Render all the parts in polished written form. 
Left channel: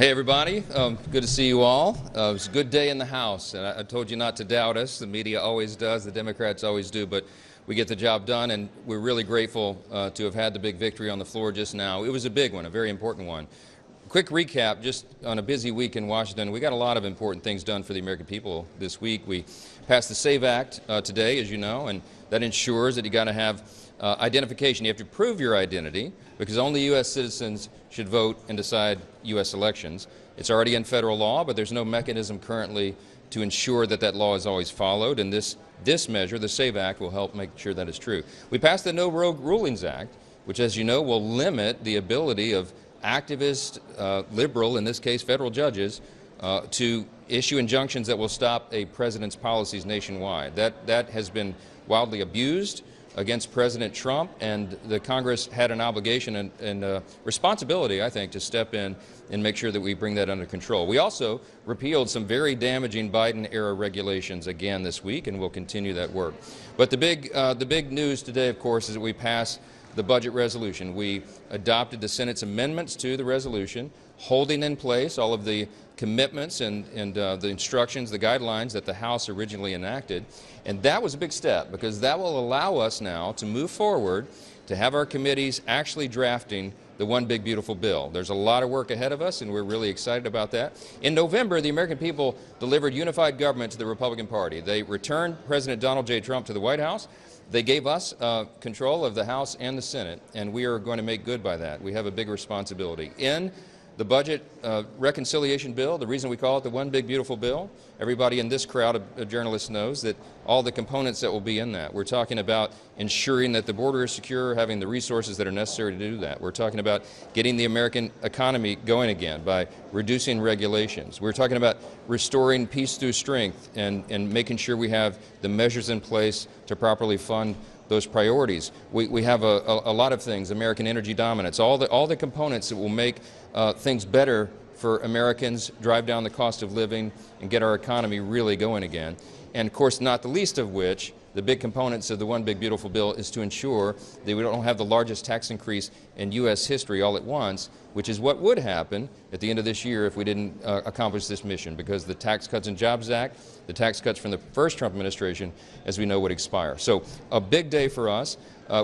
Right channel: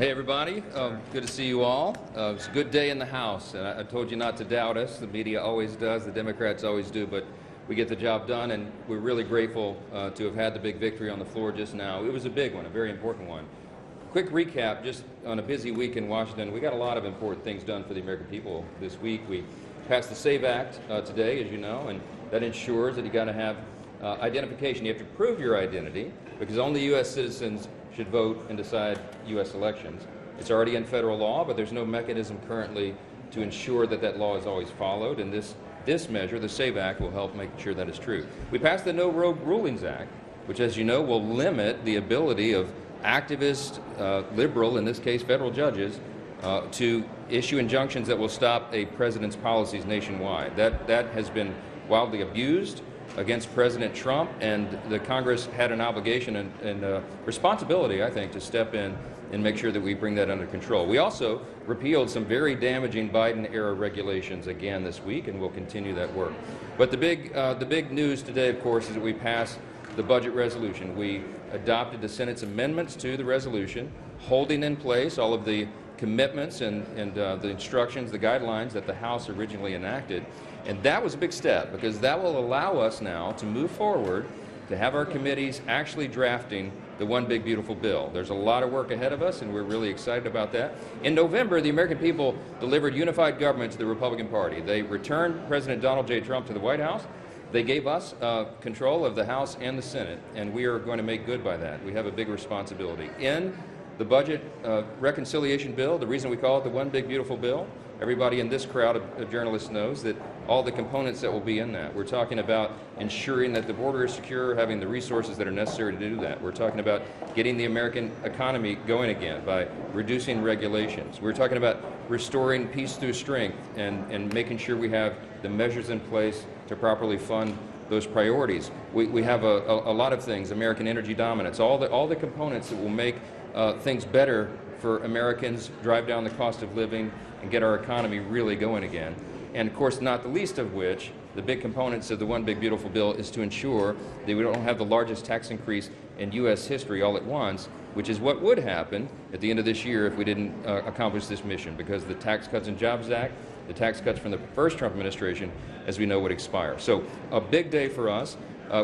Hey everybody, good to see you all. It was a good day in the House, and I told you not to doubt us. The media always does, the Democrats always do, but we get the job done, and we're really grateful to have had the big victory on the floor just now. It was a big one, a very important one. Quick recap, just on a busy week in Washington, we got a lot of important things done for the American people this week. We passed the SAVE Act today, as you know, and that ensures that you got to have identification. You have to prove your identity, because only U.S. citizens should vote and decide U.S. elections. It's already in federal law, but there's no mechanism currently to ensure that that law is always followed, and this measure, the SAVE Act, will help make sure that is true. We passed the No Rogue Rulings Act, which, as you know, will limit the ability of activist, liberal, in this case federal judges, to issue injunctions that will stop a president's policies nationwide. That has been wildly abused against President Trump, and the Congress had an obligation and responsibility, I think, to step in and make sure that we bring that under control. We also repealed some very damaging Biden-era regulations again this week, and we'll continue that work. But the big news today, of course, is that we passed the budget resolution. We adopted the Senate's amendments to the resolution, holding in place all of the commitments and the instructions, the guidelines that the House originally enacted. And that was a big step, because that will allow us now to move forward, to have our committees actually drafting the One Big Beautiful Bill. There's a lot of work ahead of us, and we're really excited about that. In November, the American people delivered unified government to the Republican Party. They returned President Donald J. Trump to the White House. They gave us control of the House and the Senate, and we are going to make good by that. We have a big responsibility. In the budget reconciliation bill, the reason we call it the One Big Beautiful Bill, everybody in this crowd of journalists knows that all the components that will be in that. We're talking about ensuring that the border is secure, having the resources that are necessary to do that. We're talking about getting the American economy going again by reducing regulations. We're talking about restoring peace through strength and making sure we have the measures in place to properly fund those priorities. We have a lot of things, American energy dominance, all the components that will make things better for Americans, drive down the cost of living, and get our economy really going again. And of course, not the least of which, the big components of the One Big Beautiful Bill is to ensure that we don't have the largest tax increase in U.S. history all at once, which is what would happen at the end of this year if we didn't accomplish this mission, because the Tax Cuts and Jobs Act, the tax cuts from the first Trump administration, as we know, would expire. So a big day for us.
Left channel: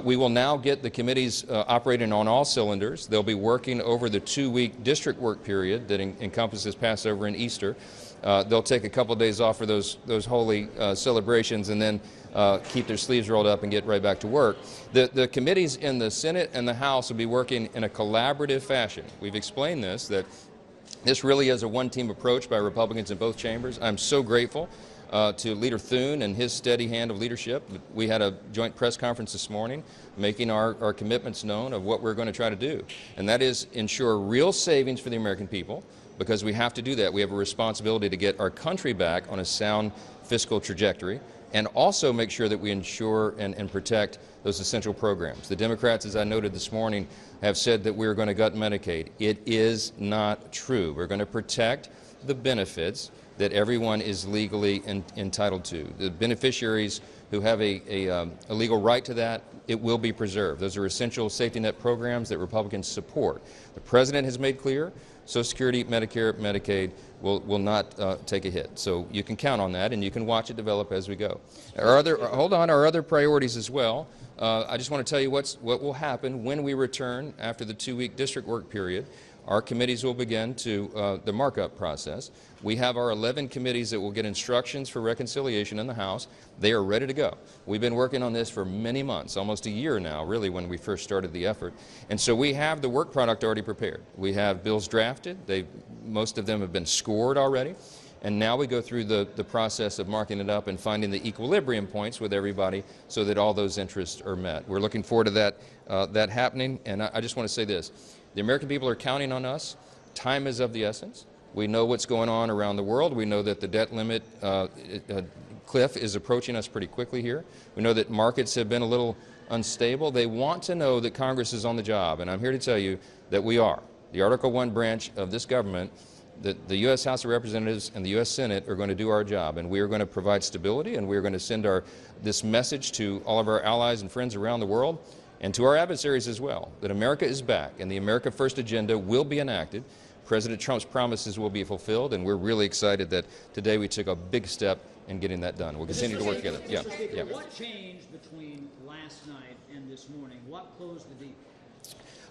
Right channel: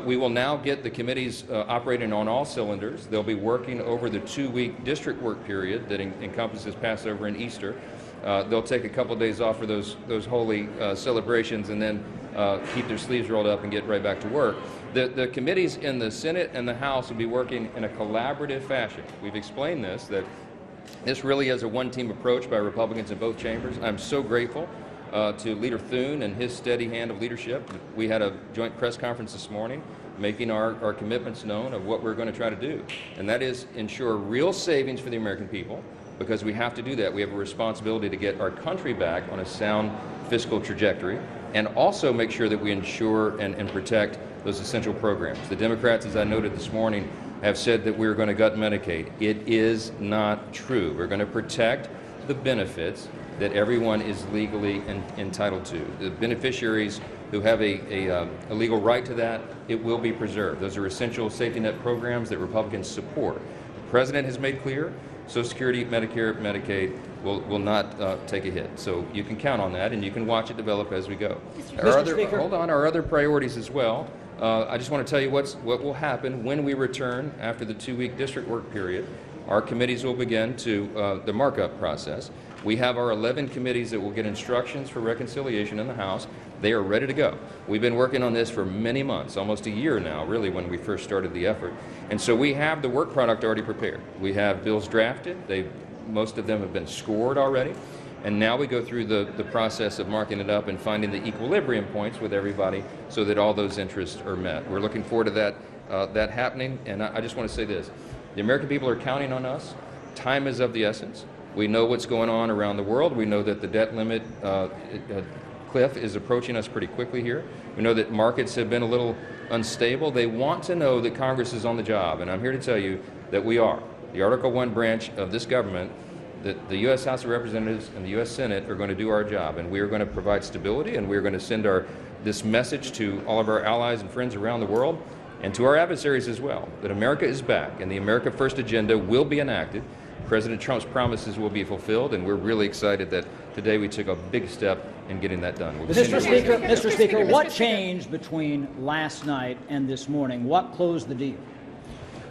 We will now get the committees operating on all cylinders. They'll be working over the 2-week district work period that encompasses Passover and Easter. They'll take a couple of days off for those holy celebrations, and then keep their sleeves rolled up and get right back to work. The committees in the Senate and the House will be working in a collaborative fashion. We've explained this, that this really is a one-team approach by Republicans in both chambers. I'm so grateful to Leader Thune and his steady hand of leadership. We had a joint press conference this morning making our commitments known of what we're going to try to do, and that is ensure real savings for the American people, because we have to do that. We have a responsibility to get our country back on a sound fiscal trajectory, and also make sure that we ensure and protect those essential programs. The Democrats, as I noted this morning, have said that we're going to gut Medicaid. It is not true. We're going to protect the benefits that everyone is legally entitled to. The beneficiaries who have a legal right to that, it will be preserved. Those are essential safety net programs that Republicans support. The President has made clear Social Security, Medicare, Medicaid will not take a hit. So you can count on that, and you can watch it develop as we go. Our other priorities as well. I just want to tell you what will happen when we return after the 2-week district work period. Our committees will begin the markup process. We have our 11 committees that will get instructions for reconciliation in the House. They are ready to go. We've been working on this for many months, almost a year now, really, when we first started the effort. And so we have the work product already prepared. We have bills drafted. Most of them have been scored already. And now we go through the process of marking it up and finding the equilibrium points with everybody so that all those interests are met. We're looking forward to that happening. And I just want to say this. The American people are counting on us. Time is of the essence. We know what's going on around the world. We know that the debt limit cliff is approaching us pretty quickly here. We know that markets have been a little unstable. They want to know that Congress is on the job, and I'm here to tell you that we are. The Article 1 branch of this government, that the U.S. House of Representatives and the U.S. Senate are going to do our job, and we are going to provide stability, and we are going to send this message to all of our allies and friends around the world, and to our adversaries as well, that America is back, and the America First agenda will be enacted. President Trump's promises will be fulfilled, and we're really excited that today we took a big step in getting that done. We'll Mr. Speaker, what changed between last night and this morning? What closed the deal?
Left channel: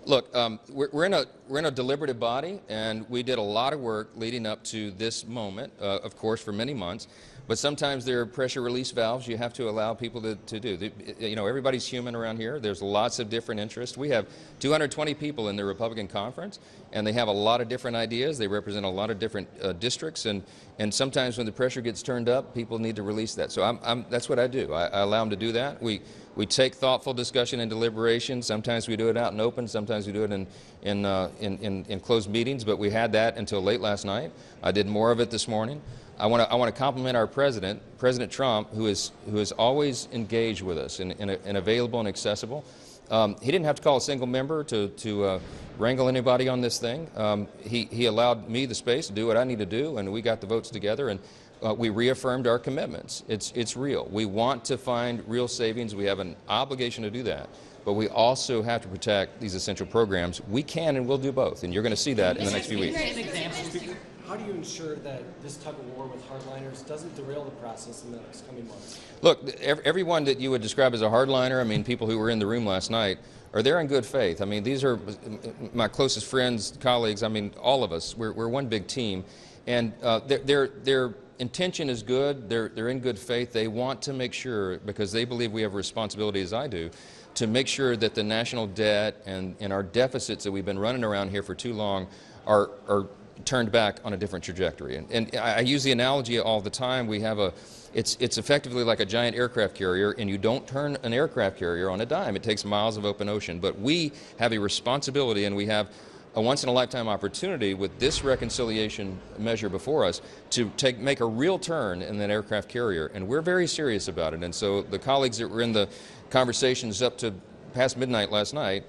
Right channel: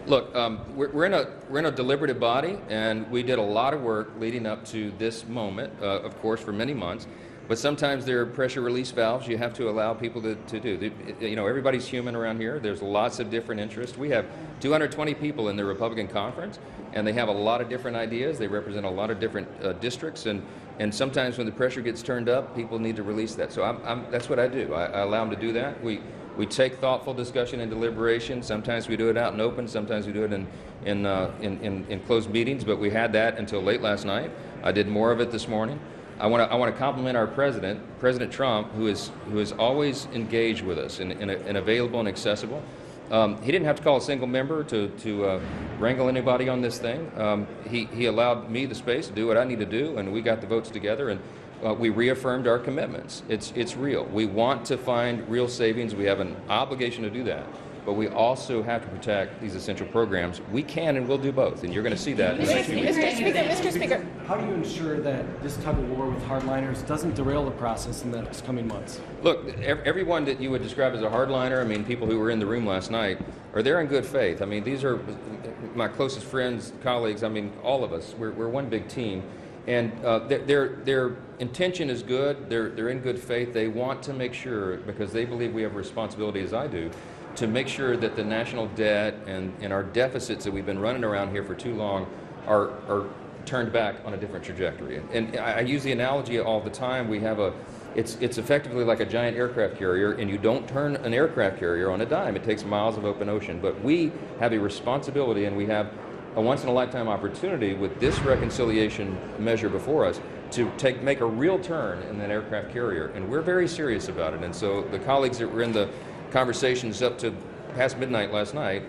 Look, we're in a deliberative body, and we did a lot of work leading up to this moment, of course, for many months. But sometimes there are pressure release valves you have to allow people to do. You know, everybody's human around here. There's lots of different interests. We have 220 people in the Republican conference, and they have a lot of different ideas. They represent a lot of different districts, and sometimes when the pressure gets turned up, people need to release that. So that's what I do. I allow them to do that. We take thoughtful discussion and deliberation. Sometimes we do it out in open. Sometimes we do it in closed meetings. But we had that until late last night. I did more of it this morning. I want to compliment our president, President Trump, who is always engaged with us and available and accessible. He didn't have to call a single member to wrangle anybody on this thing. He allowed me the space to do what I need to do, and we got the votes together, and we reaffirmed our commitments. It's real. We want to find real savings. We have an obligation to do that. But we also have to protect these essential programs. We can and will do both, and you're going to see that in the next few weeks. Mr. Speaker, how do you ensure that this tug of war with hardliners doesn't derail the process in the coming months? Look, everyone that you would describe as a hardliner, I mean, people who were in the room last night, are there in good faith. I mean, these are my closest friends, colleagues. I mean, all of us. We're one big team, and their intention is good. They're in good faith. They want to make sure, because they believe we have a responsibility, as I do, to make sure that the national debt and our deficits that we've been running around here for too long are turned back on a different trajectory. And I use the analogy all the time. We have it's effectively like a giant aircraft carrier, and you don't turn an aircraft carrier on a dime. It takes miles of open ocean. But we have a responsibility, and we have a once-in-a-lifetime opportunity with this reconciliation measure before us to make a real turn in that aircraft carrier. And we're very serious about it. And so the colleagues that were in the conversations up to past midnight last night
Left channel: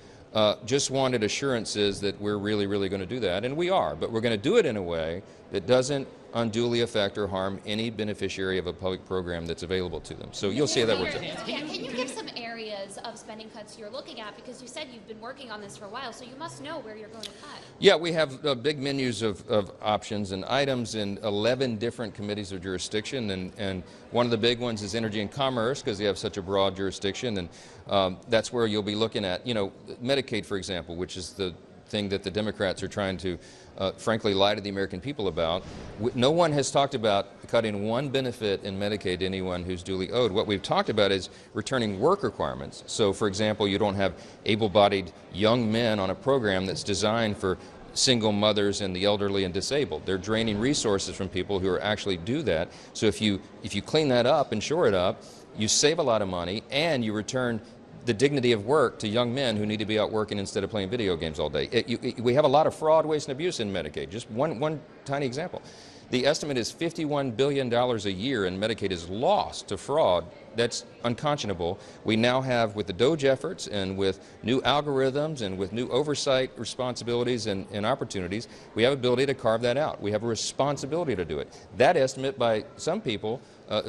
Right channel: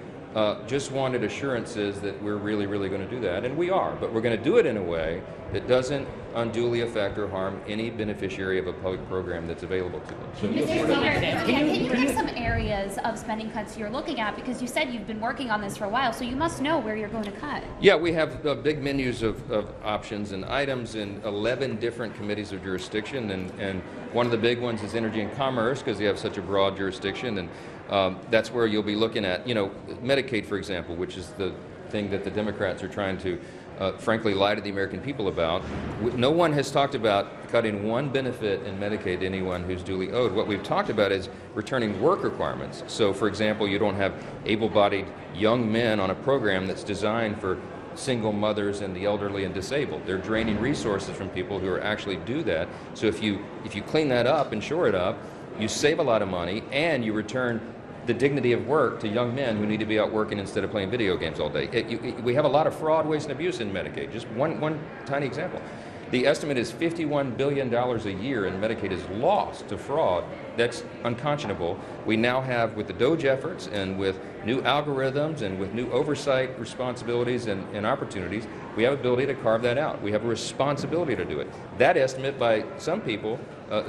just wanted assurances that we're really, really going to do that, and we are. But we're going to do it in a way that doesn't unduly affect or harm any beneficiary of a public program that's available to them. So you'll see that. Can you give some areas of spending cuts you're looking at? Because you said you've been working on this for a while, so you must know where you're going to cut. Yeah, we have big menus of options and items in 11 different committees of jurisdiction, and one of the big ones is energy and commerce, because you have such a broad jurisdiction, and that's where you'll be looking at, you know, Medicaid, for example, which is the thing that the Democrats are trying to frankly lie to the American people about. No one has talked about cutting one benefit in Medicaid to anyone who's duly owed. What we've talked about is returning work requirements. So, for example, you don't have able-bodied young men on a program that's designed for single mothers and the elderly and disabled. They're draining resources from people who are actually do that. So if you clean that up and shore it up, you save a lot of money, and you return the dignity of work to young men who need to be out working instead of playing video games all day. We have a lot of fraud, waste, and abuse in Medicaid. Just one tiny example. The estimate is $51 billion a year in Medicaid is lost to fraud. That's unconscionable. We now have, with the DOGE efforts and with new algorithms and with new oversight responsibilities and opportunities, we have the ability to carve that out. We have a responsibility to do it. That estimate by some people,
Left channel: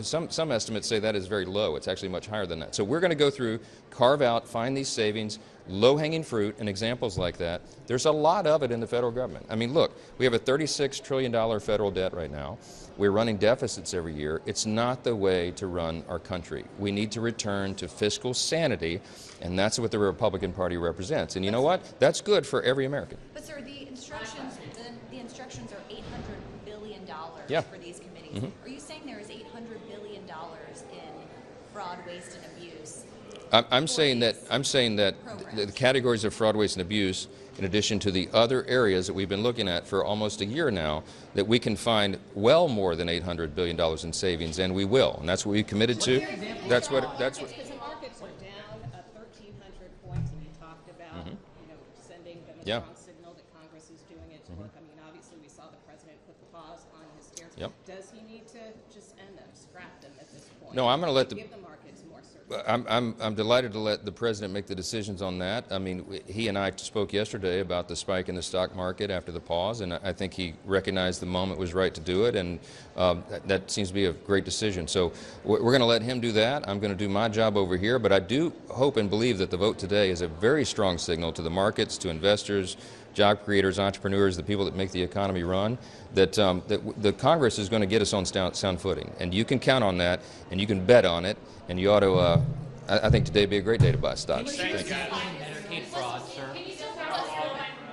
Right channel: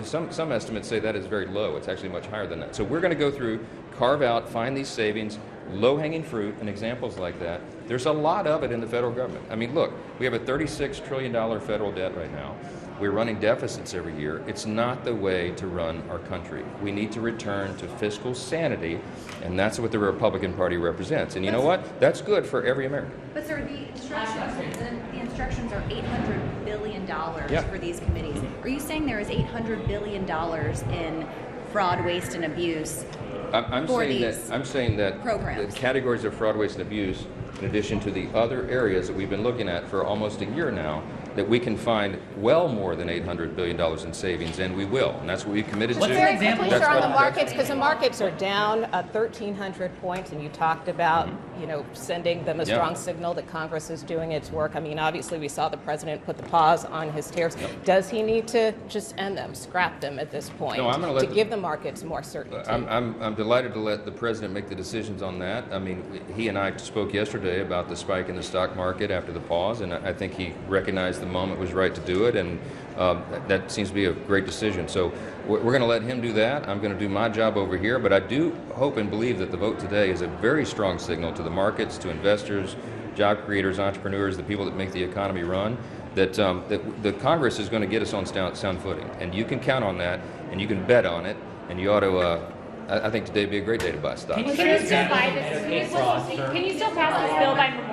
some estimates say that is very low. It's actually much higher than that. So we're going to go through, carve out, find these savings, low-hanging fruit, and examples like that. There's a lot of it in the federal government. I mean, look, we have a $36 trillion federal debt right now. We're running deficits every year. It's not the way to run our country. We need to return to fiscal sanity, and that's what the Republican Party represents. And you know what? That's good for every American. But sir, the instructions are $800 billion for these committees. Are you saying there is $800 billion in fraud, waste, and abuse? I'm saying that programs. the categories of fraud, waste, and abuse, in addition to the other areas that we've been looking at for almost a year now, that we can find well more than $800 billion in savings, and we will. And that's what we committed to. Very quickly, sir, on the markets, because the markets are down 1,300 points, and you talked about, sending them a strong signal that Congress is doing its work. I mean, obviously, we saw the president put the pause on his tariffs. Yep. Does he need to just end them, scrap them at this point, no, I'm going to let give the markets more certainty? I'm delighted to let the president make the decisions on that. I mean, he and I spoke yesterday about the spike in the stock market after the pause, and I think he recognized the the moment was right to do it, and that seems to be a great decision. So we're going to let him do that. I'm going to do my job over here, but I do hope and believe that the vote today is a very strong signal to the markets, to investors, job creators, entrepreneurs, the people that make the economy run, that the Congress is going to get us on sound footing. And you can count on that, and you can bet on it, and you ought to, I think today would be a great day to buy stocks. Can you still pass this bill by Memorial?